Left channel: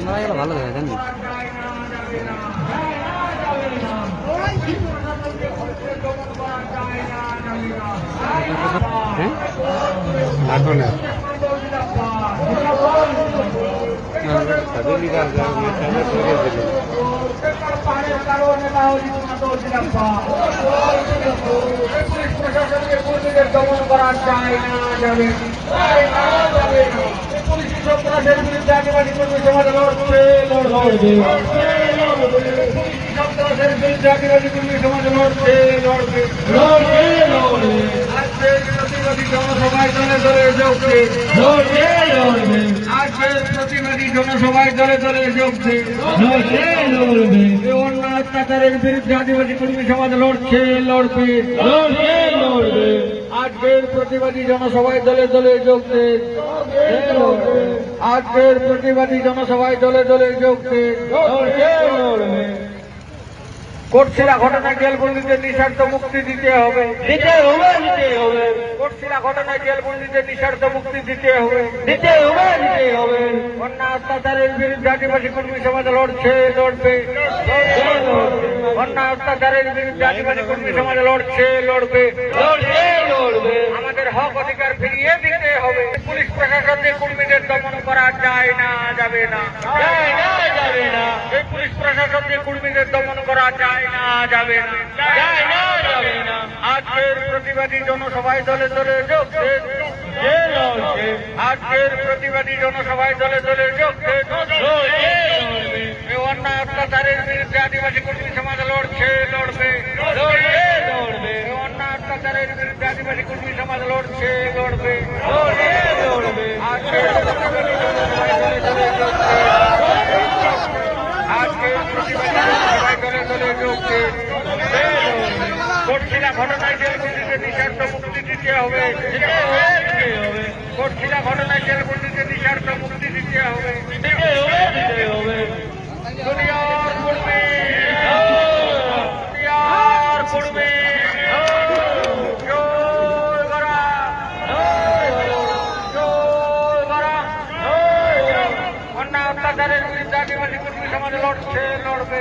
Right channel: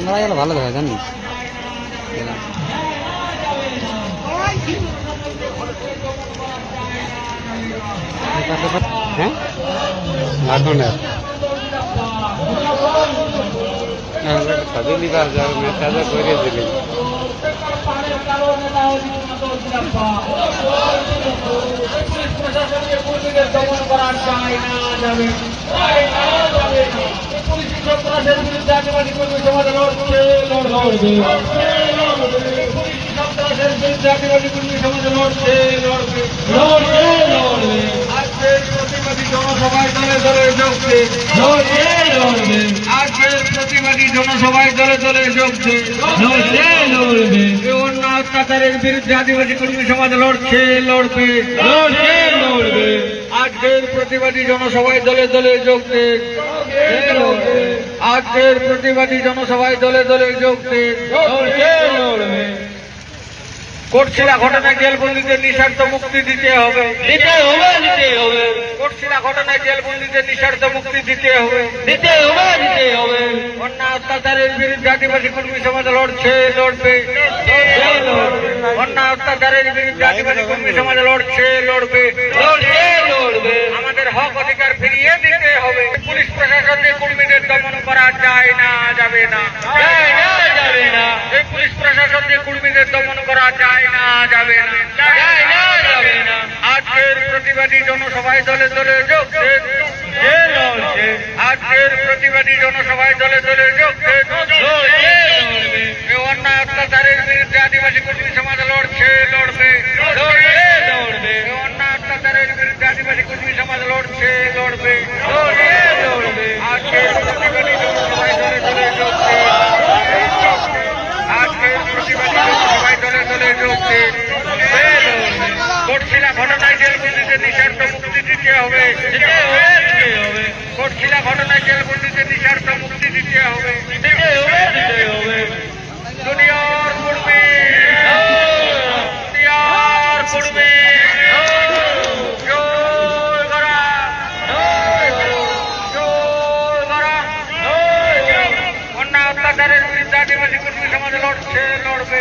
ক্যামেরাগুলো ভালো দেখা জানিস হ্যাঁ এখন সবই লিবার যাবে মেসাজে করে দিলি দমন করা যায় না যাবে পুলিশ সন্ত্রাসের বিরুদ্ধে আদিবাসী কর্মী সমাজ লড়বে পুলিশ সন্ত্রাসের বিরুদ্ধে আদিবাসী কর্মী সমাজ লড়বে আজকের প্রতিবাদী জনসভায় দলে দলে যোগছে আজকের প্রতিবাদী জনসভায় দলে দলে যোগছে অন্য অত্যাচারের বিরুদ্ধে আদিবাসী কর্মী সমাজ লড়বে আজকের প্রতিবাদী জনসভায় দলে দলে যোগছে আজকের প্রতিবাদী জনসভায় দলে দলে যোগছে কোটশিলা ঘটনায় জেলবন্দীদের নিঃশর্ত মুক্তি দিতে হবে কোটশিলা ঘটনায় জেলবন্দীদের নিঃশর্ত মুক্তি দিতে হবে অন্য অত্যাচারের বিরুদ্ধে আদিবাসী কর্মী সমাজ লড়বে অন্য অত্যাচারের বিরুদ্ধে আদিবাসী কর্মী সমাজ লড়বে আমাদের হক অধিকার ফিরিয়ে দিতে হবে পুলিশ প্রশাসনের কর্মীদের দমন করা যায় না যাবে না এই পুলিশ প্রশাসনের কর্মীদের দমন করা যায় না যাবে না আজকের প্রতিবাদী জনসভায় দলে দলে যোগছে আজকের প্রতিবাদী জনসভায় দলে দলে যোগছে অন্যায় অত্যাচারের বিরুদ্ধে আদিবাসী কর্মী সমাজ লড়বে অন্যায় অত্যাচারের বিরুদ্ধে আদিবাসী কর্মী সমাজ লড়বে আজকের প্রতিবাদী জনসভায় দলে দলে যোগছে আজকের প্রতিবাদী জনসভায় সবাই দলে দলে যোগ দিন কোটশিলা ঘটনায় জেলবন্দিতে নিঃস্বার্থ মুক্তি দিতে হবে কোটশিলা ঘটনায় জেলবন্দিতে নিঃস্বার্থ মুক্তি দিতে হবে দুনিয়ার কর্মী দুনিয়ার কর্মী জয় বারা জয় বারা অন্যায় অত্যাচারের বিরুদ্ধে আদিবাসী কর্মী সমাজ লড়ছে লড়বে